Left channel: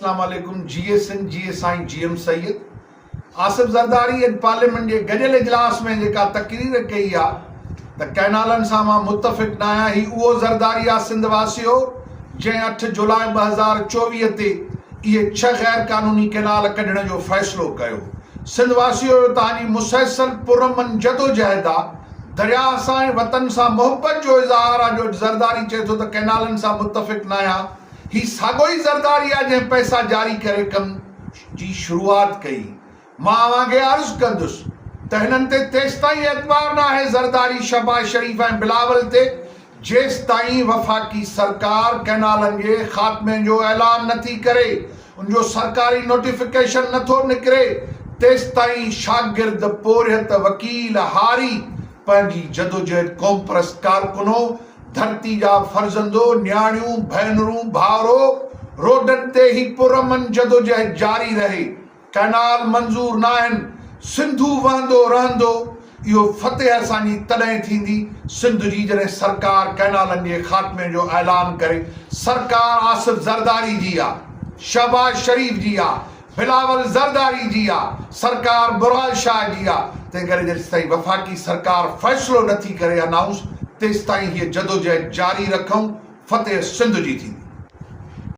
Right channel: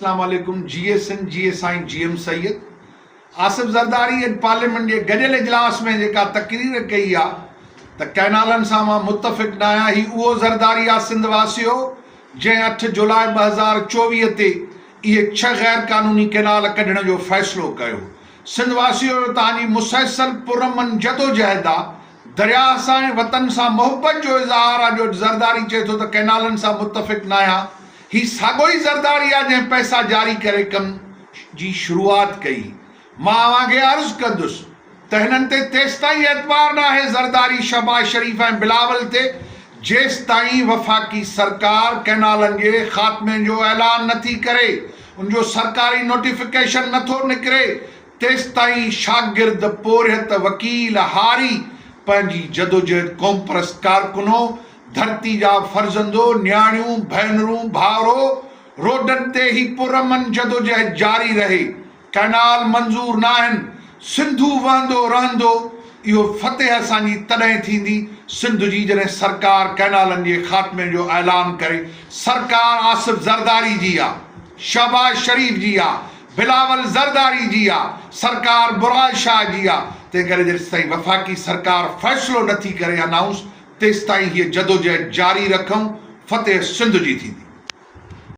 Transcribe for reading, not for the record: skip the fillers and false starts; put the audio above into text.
Assalamualaikum, GSN, GSI, GM Sayyid. Asif ज़रदारी अॼु पार्लियामेंट जे गॾियल इजलास में जेका तक़रीर कई आहे त कैनालनि सां मां मुतफ़िक़ न आहियां। ही उहो ज़रदारी आहे सिंध वासियो जंहिं 8 जुलाई 2024 ते इहे 6 गैर क़ानूनी कैनाल कढण जो फ़ैसिलो कयो। सिंध वासियो तव्हांजी मुसलसल पुरमन जदोजहद आहे। दरिया सां ऐं वतन सां मोहबत जो इज़हार आहे जो ज़रदारी चए थो त कैनालनि सां मुतफ़िक़ न आहियां। ही साॻियो ई ज़रदारी आहे जंहिं पैसा जारी करे कम जी शुरूआत कई। मां अव्हांखे अर्ज़ु कंदुसि त हिननि ते तेसिताईं एतबार न आहे ज़रदारी, शहबाज शरीफ़ ऐं बिलावल ते जेसिताईं वफ़ाक़ी सरकार कैनालनि जे ख़ात्मे जो ऐलान नथी करे, उनजो सरकारी नोटिफिकेशन नथो निकिरे, तेसिताईं शागिर्द, पोरियत, वकील, हारी पंहिंजी जदोजहद क़ौम परस्त कारकुनो, धरती जा फर्ज़ंदो, न्याणियूं, भेनरूं, भाउरो, रोडनि ते ही पुरमन जदोजहद जारी रहे। कैनाल मंज़ूर न आहिनि, सिंधु वहंदो रहंदो। इहो फतेह असांजी तॾहिं थींदी सिंध जी जॾहिं सरकार कैनालनि जे ख़ात्मे जो ऐलान करे। सरकार आसिफ ज़रदारी जी आहे, शहबाज शरीफ़ जी आहे, बिलावल ज़रदारी जी आहे, सरकार बुराल शाह जी आहे। तंहिं करे जेसिताईं वफ़ाक़ी सरकार फ़ैसिलो नथी करे अनाउंस, तेसिताईं हीअ जदोजहद जारी रखूं। फतेह सिंध जी थींदी।